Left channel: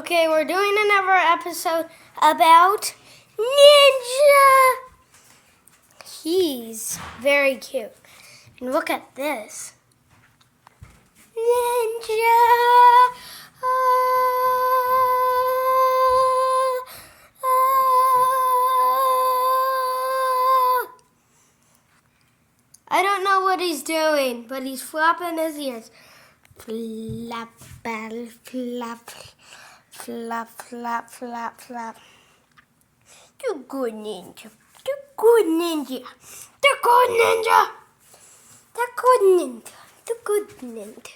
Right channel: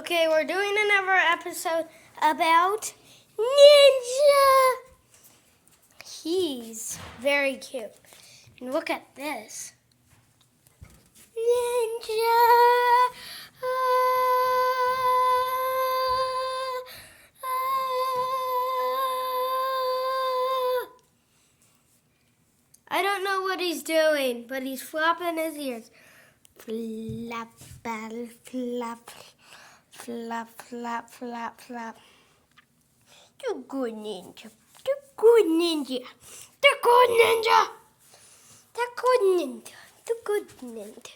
Okay, we're doing another episode about Ninja. He's very cute. And look at this. Ninja. I don't know what he's doing, but he's flapping his ears. Flap, battle, flap, flap, flap, flap, flap. The good ninja. The good ninja. The good ninja. The good ninja. The good ninja.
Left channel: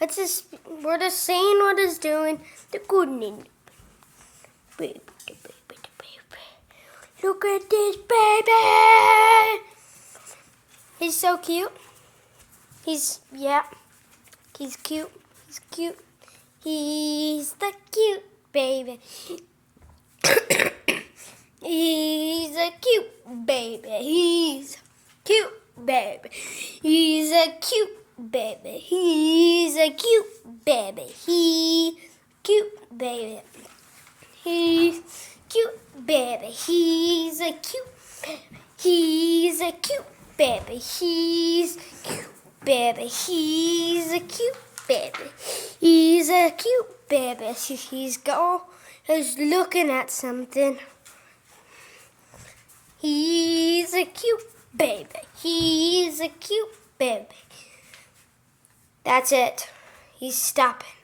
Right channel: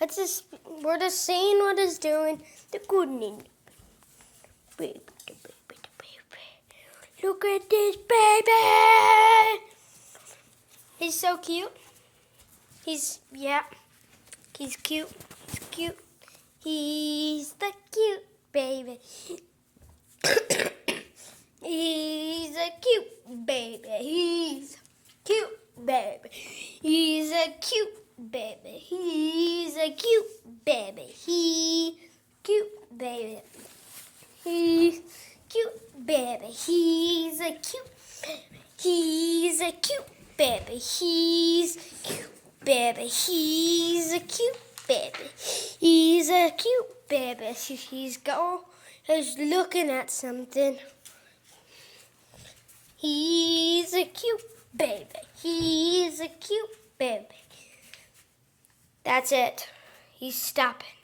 Let's just, we're just saying what he's doing. The good ninja. Baby, baby, baby. Look at this baby. He's so cute. He's cute. He's cute. He's the cute baby. He's a cute baby. He's cute baby. He's a cute baby. He's a cute baby. He cute baby. He's cute baby. He's a cute baby. He's a cute baby. He's cute baby. He's a cute baby. He's a cute baby. He's looking at something. He's a cute baby. He's a cute baby. That's it. He's stopping.